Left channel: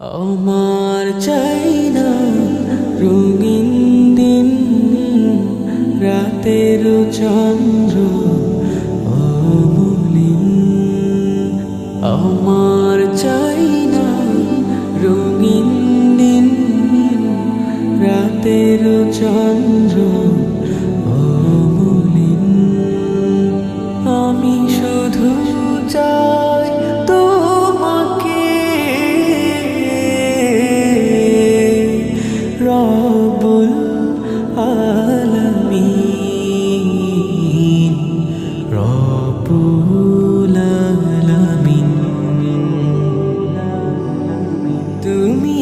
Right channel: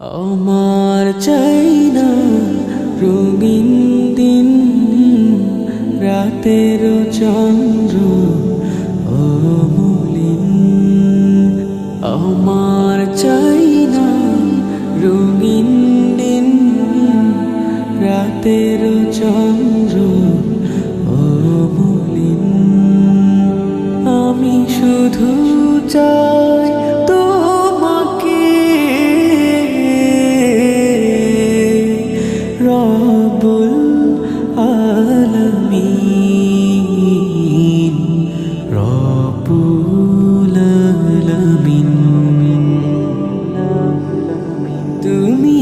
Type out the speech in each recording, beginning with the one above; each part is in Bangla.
আমার চাই না রঙিন দিন, রাতের চন্দ্র অমলিন। আমার চাই না রঙিন দিন, রাতের চন্দ্র অমলিন আমি শুধু চাই তোমাকে। রবুল আলমিন রবুল আলমিন। তুমি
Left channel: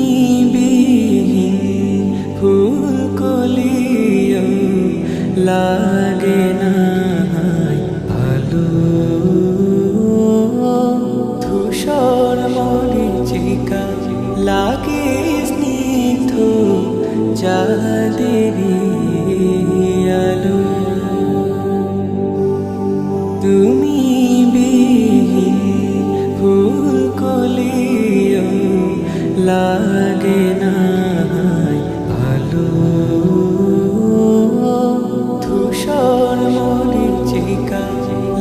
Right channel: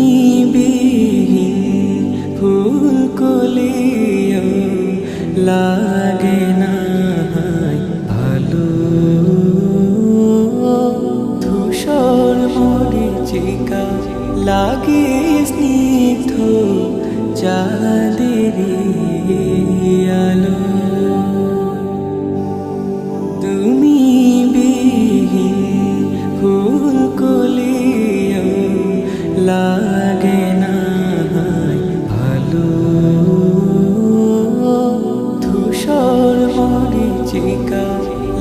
বিহীন ফুল কলিও লাগে না ভালো ধূসর মরিচিকা লাগে স্নিগ্ধ চাঁদেরি আলো। তুমি বিহীন ফুল কলিও লাগে না ভালো মরিচিকা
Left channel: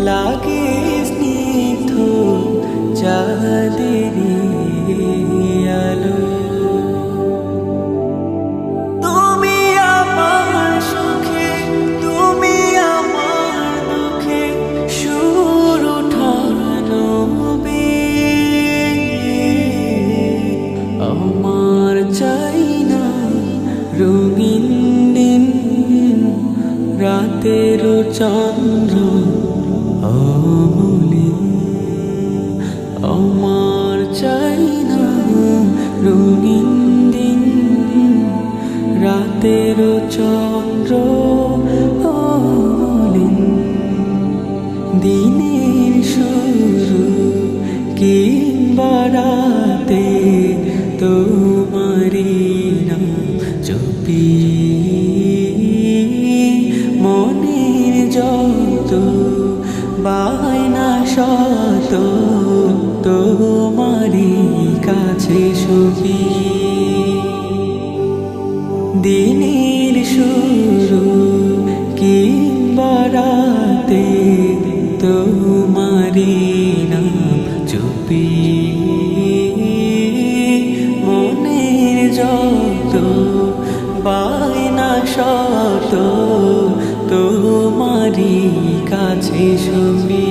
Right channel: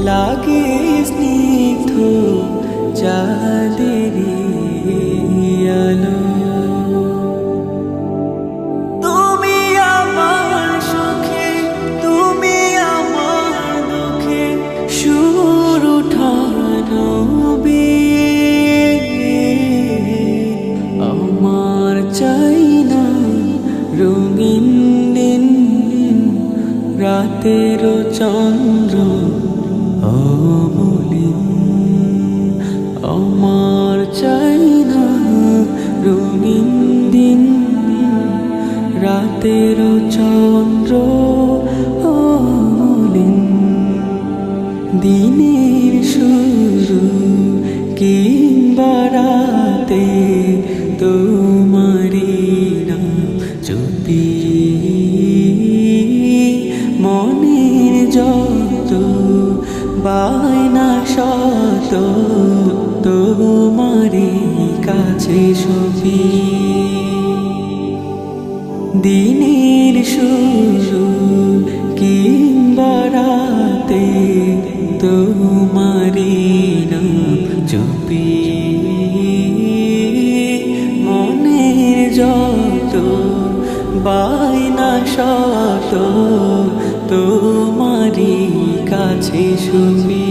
লাগে স্নিগ্ধ চাঁদেরি আলো। তুমি আমার সুখে, তুমি আমার দুঃখে সুর উঠানো আমার চাই না রঙিন রাতের চন্দ্র অমলিন আমার চাই না রঙিন দিন। রাতের চন্দ্র অমলিন, দিনের শুরু কিংবা রাতে তোমারি না চুপি বায়না শত তোমারি কাছে সপি। দিনের শুরু কিংবা রাতে তোমারি নাম চুপি। মনের যত বায়না শত তোমারি কাছে সুপি।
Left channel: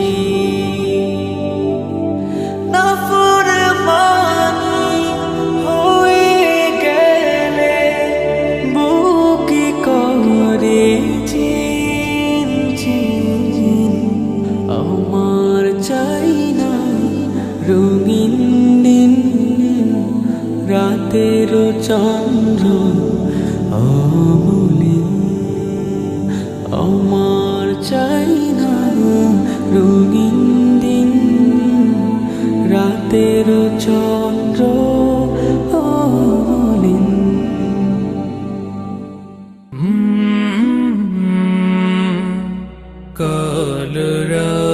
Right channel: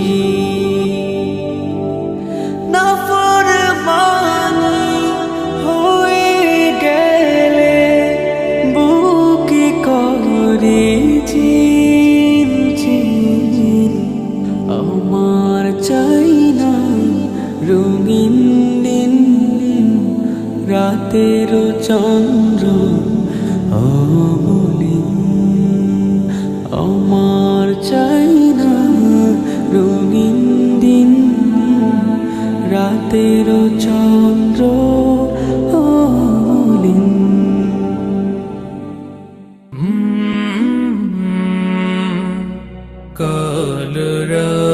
নাফর মানি হয়ে গেলে বুকে করে চিন চিন, আমার চাই না রঙিন দিন রাতের চন্দ্র অমলিন। আমার চাই না রঙিন দিন রাতের চন্দ্র অলিন। কাল রা